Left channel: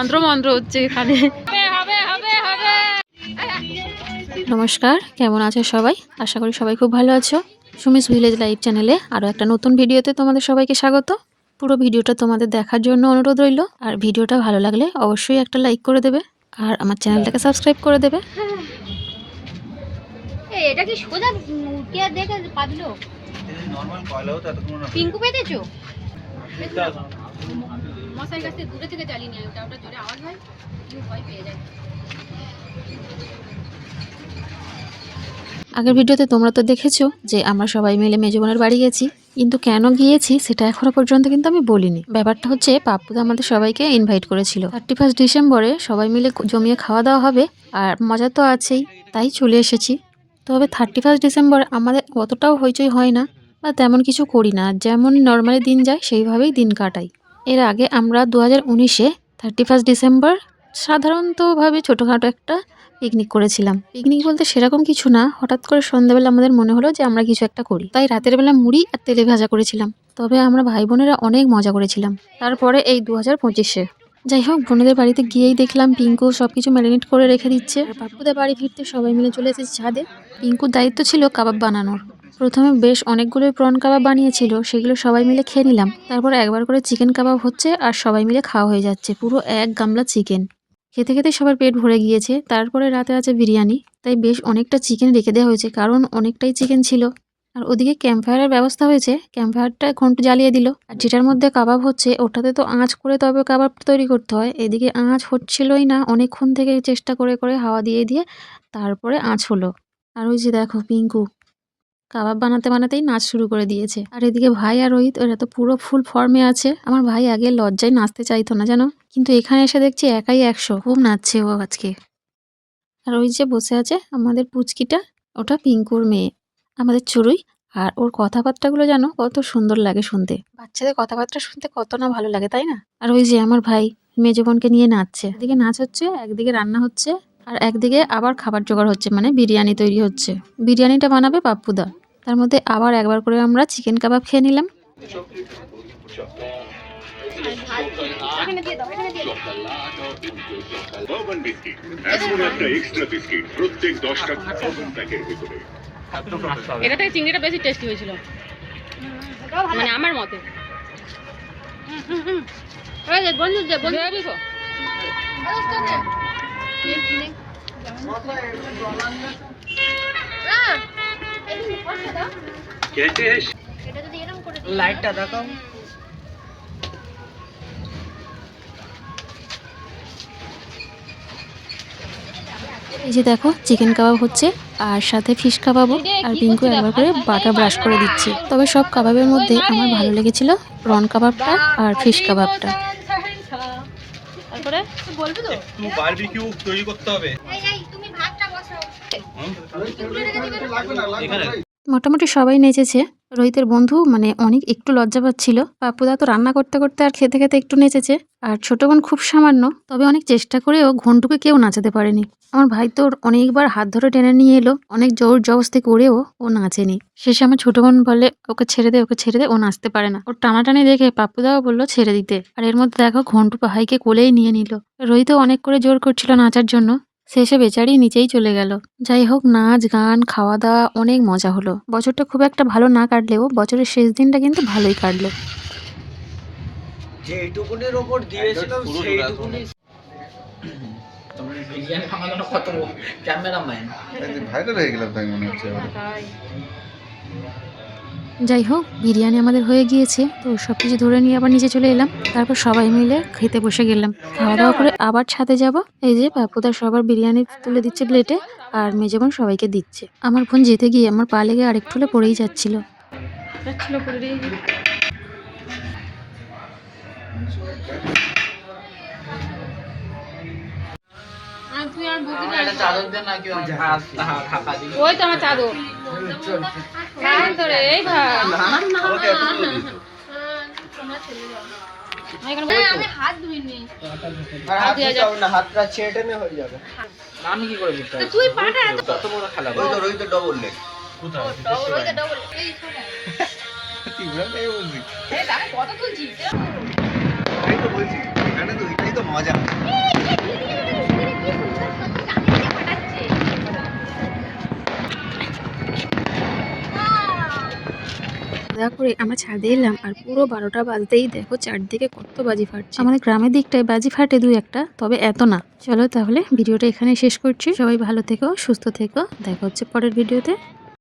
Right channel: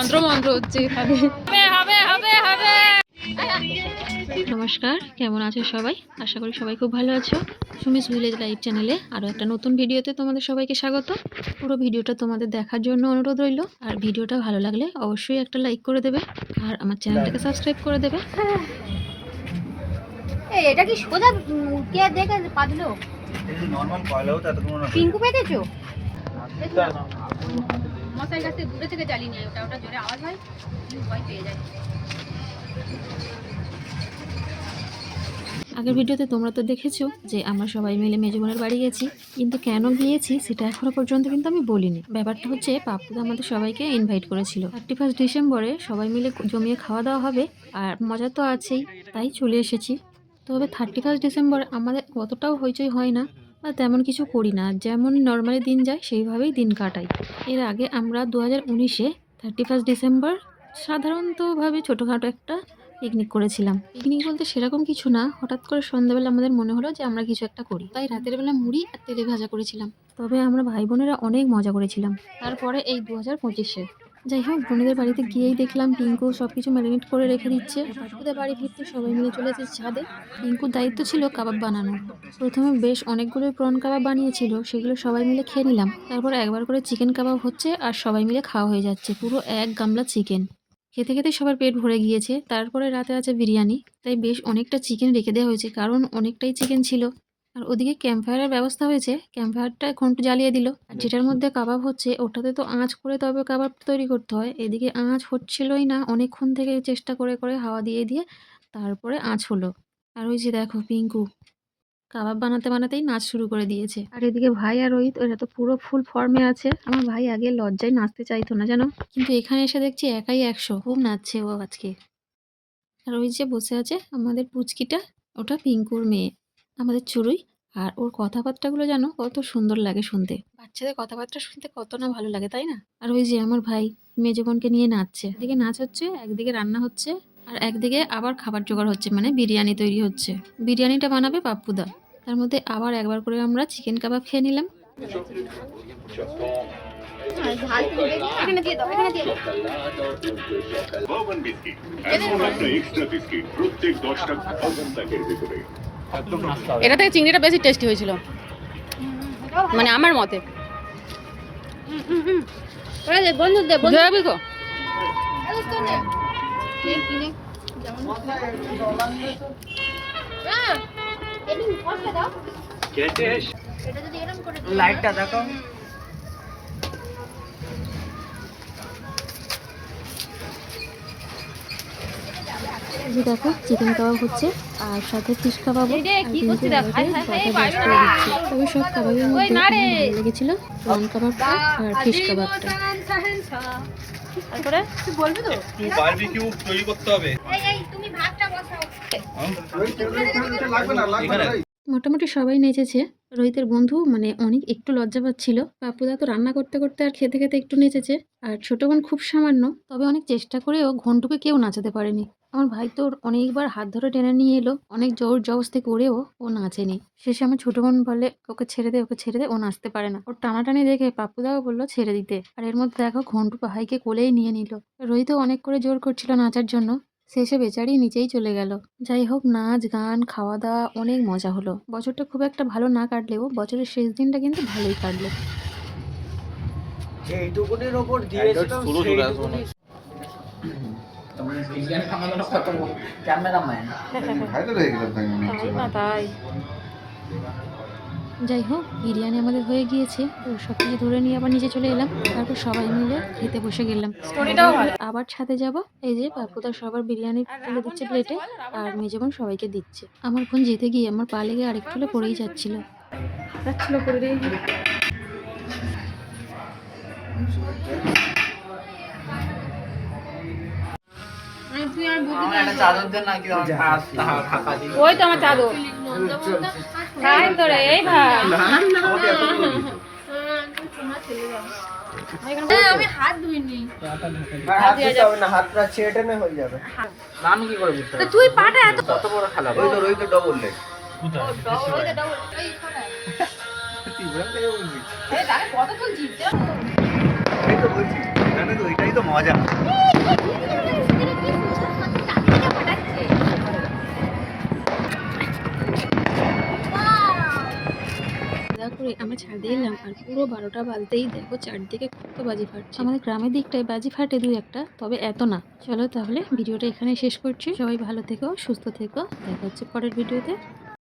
তন্ত্র মন্ত্র হচ্ছে এখানে। হবে হবে হবে। নমস্কার, কেমন আছো সবাই? আশা করি সবাই খুব ভালো আছো। সুমিস ভিলেজ লাইফ চ্যানেলে আরও একটা নতুন ভিডিওতে তোমাদের সবাইকে স্বাগত। পুরো ভিডিওটা তোমাদের দেখার জন্য অনুরোধ রইল। আর ভিডিওটা ভালো লাগলে অবশ্যই একটা লাইক করে দেবে আর আমার চ্যানেলটাকে সাবস্ক্রাইব করে দেবে। এটা কি সোজা কে দেখে পাদলো? নরমাল কয়লাও তো এতক্ষণ না। পিঙ্কু পেতেছো? মশাই কাছে দূরে থেকে জ্বালিয়ে নিয়ে ওটা জোরে আওয়াজ হয়, কেউ ভয় পেয়ে যায়। আগের ভিডিওতে তোমরা তো দেখেছো যে আমরা সবাই মিলে মেজো বোনের বাড়ি গেছি, কিন্তু কেন গিয়েছি সেটা এখনো পর্যন্ত কিন্তু আমি বলিনি। ব্যাপারটা হচ্ছে পাপ্পুদা আমাদের সবাইকে ইনভাইট করেছিল। 31 ডিসেম্বরে সবাই মিলে জমিয়ে খাওয়া দাওয়া হবে, আর মজা তো আছেই, তাই চলে এসেছি। তবে 31 ডিসেম্বর আমাদের অতটাও হইচই হয় না বা তেমন কিছু করি না, যেমন নর্মালি দিন যায় সেইভাবেই দিন কাটাই। এর আগে আমরা 2019-এ 31 ডিসেম্বর সাধারণতভাবে ছোটোখাটো একটা পিকনিক করেছিলাম। পিকনিক বলতে সেরকম কিছু না, হঠাৎ করে সন্ধ্যাবেলা আমাদের মনে হলো যে আমরা কিছু একটা করি, তাই রাতের বেলা মুড়ি আর তেলে ভাজা করেছিলাম। তবে আমরা ভাই বোনেরা অনেক মজা করেছিলাম। তারপরে এই 2025-এ যাই হোক, বোনেদের বাড়িতে গিয়েই দেখলাম পিঙ্কু সবকিছু ম্যারিনেট করে রেখে দিচ্ছে। পাপ্পুদের বাড়ি ফিরতে সবাই মিলে চলে এসেছে ছাদে। পিঙ্কুর দায়িত্ব ছিল কাবাব বানানোর। প্রথমে বেশ অনেকগুলোই প্রন কাবাব বানিয়েছিল, সেগুলো সবাই মিলে খেয়ে নিলাম। তারপর একবার করে চিকেন কাবাব হচ্ছে আর সবাই মিলে খাওয়া হয়ে যাচ্ছে, পুরো এক গামলা চিকেন। খেতে খেতে সবার পেট ভরে গিয়েছে। তারপরে রাতে আছে বিরিয়ানি, তাই বেশ অনেকটা চিকেন রেখে দেওয়া হয়েছে, কারণ অনেকটাই চিকেন ছিল। আর ওদিকে ক্যাম্প ফায়ারের ব্যবস্থা হয়েছে, ক্যাম্প ফায়ারটা ঘন্টা জ্বালিয়ে দিল। আর যেটার মধ্যে কাবাব হচ্ছে ওটাতে তো আঁচ করে তবে কাবাব তৈরি করতে হয়, এদিকে আঁচ হচ্ছিলই না, অনেকক্ষণ থেকে চেষ্টা করে করে হাওয়া দিয়ে দিয়ে তারপরে আঁচ হলো। আর ওই যে দেখো পিঙ্কু কাবাব বানাতে বানাতেই নাচ শুরু করে দিয়েছে। আর এদিকে ভাই আর রোহিত এরা তো পুরো ফুল ফর্মে আছে। আমার ভাই আগে লজ্জায় নাচতে চাইতো না জানো, কিন্তু এখানে এসে দেখছি একাই 100, খুব নাচছে ও আজকে। আর ওই যে বসে আছে আমাদের পুচকিটা, ওটা পিঙ্কুর মেয়ে, আমাদের চড়ুই। আর ওর কথাবার্তাগুলো জানো কত সুন্দর লাগে শুনতে। বাচ্চাদের কথাবার্তা শুনতে কত না ভালো লাগে, তাই না? আর ওই যে আমার ভাই মেজো বোনকে নিয়ে নাচছে, একদিকে নাচ হচ্ছে, একদিকে রান্না হচ্ছে, আর একদিকে আবার খাবার জোগাড় হচ্ছে, মানে বিরিয়ানি তৈরি হচ্ছে। বিরিয়ানিটা বানাবে পাপ্পুদা, তার মধ্যে আবার একবার করে আমরা চিকেন কাবাব খেয়ে নিলাম। এটা থেকে চিংড়িটা বেশি টেস্টি হয়েছিল মানে আমার মতে। লাইটটা দেখো। এই যে দেখো চিকেন কাবাব হচ্ছে, আর সাথে ফিশ কাবাবও। আর পিঙ্কু একবার করে বাটা ব্রাশ করে দিচ্ছে। তবে সব কাবাবের মধ্যে আমার ভালো লেগেছিল প্রন কাবাবটা আর ফিশ কাবাবটা। তারপরে তুই বলবি তো বারবিকিউ তৈরি করতে হবে। তুমি ভাতটা বসাও। এখানে মোটামুটি সবাই নেচেছে। রোহিতের বন্ধু মানে অনেক একটু লজ্জা পাচ্ছিল। পাপ্পুদা তো রান্না করতে করতে আর খেতে খেতে একটু নেচেছে। আর ছোট বোন খুব সামান্য, তবে অনেক চেষ্টা করেও ঘন্টুকে কেউ নাচাতে পারেনি। আমার ভাই তো অনেকবার হাত ধরে টেনে নিয়ে এলো, অনেক জোর জবস্তি করেও ও নাচেনি। শেষে আমার ছোট বোন বলে ওকে ছেড়ে দে, ওকে ছেড়ে দে, ও নাচতে পারে না। ওর টানাটানি দেখে পাপ্পুদাও বললো ছেড়ে দিতে। আর এর মধ্যে দেখো ঘন্টু ভাইকে কোলেই নিয়ে নিল। রোহিতও অনেক করে জোর করছিল নাচার জন্য, শেষে বেচারি নিচেই চলে গেল। যাই হোক, নাচ গান খাওয়া দাওয়া অনেক মজা হলো। বছরটা খুব একটা ভালো না কাটলেও বছরের শেষ দিনটা কিন্তু ভালোই কাটলো। যেইটুকুনের ওপর দিয়েছিলাম সেইটুকুনি। বিরিয়ানি বানানো কত ক্যামেরাম্যান ভাইরাল হয়ে গেলাম তাই মনে হচ্ছে। যাই হোক, বিরিয়ানি আমাদের হয়ে গিয়েছে, তো সবকিছু ধরে নিয়ে আবার নিচে চলে এলাম। তারপর সবাই মিলে খেতে বসে গেলাম। খাওয়া দাওয়া করে আবার ছাদে যাব। এই যে পাপ্পুদা সবার বিরিয়ানি তুলে দিচ্ছে প্লেটে, আর মেজো বোন সবাইকে দিচ্ছে। আমার বোন যেতে গিয়ে আমার পা লেগে আরেকটু হলে পড়েই যাচ্ছিল। ওই তো আমার চাদর এই ভাই আমি হাত ধুইনি। হাতটা ছেটে নে হয়ে যাবে। আমি কি করে বুঝতে তুই পাটা এত কত বড় খেলা? ওই তো ডবল লেগ। কত তুলছিস? এই তো বলছি বাগানে তো ওইটাই তো মজা। খাওয়া করে আমরা ছাদে এলাম আর পুরো 12টা বাজতেই দেখো চারদিকে কত বাজি ফাটছে। আমাদের গ্রামের দিকটায় বাজি ফাটে দুই একটা, তবে এত না। চলো তাহলে ভিডিওটা এখানে শেষ করছি। সবাই ভালো থেকো, সুস্থ থেকো, দেখা হচ্ছে পরের ভিডিওতে।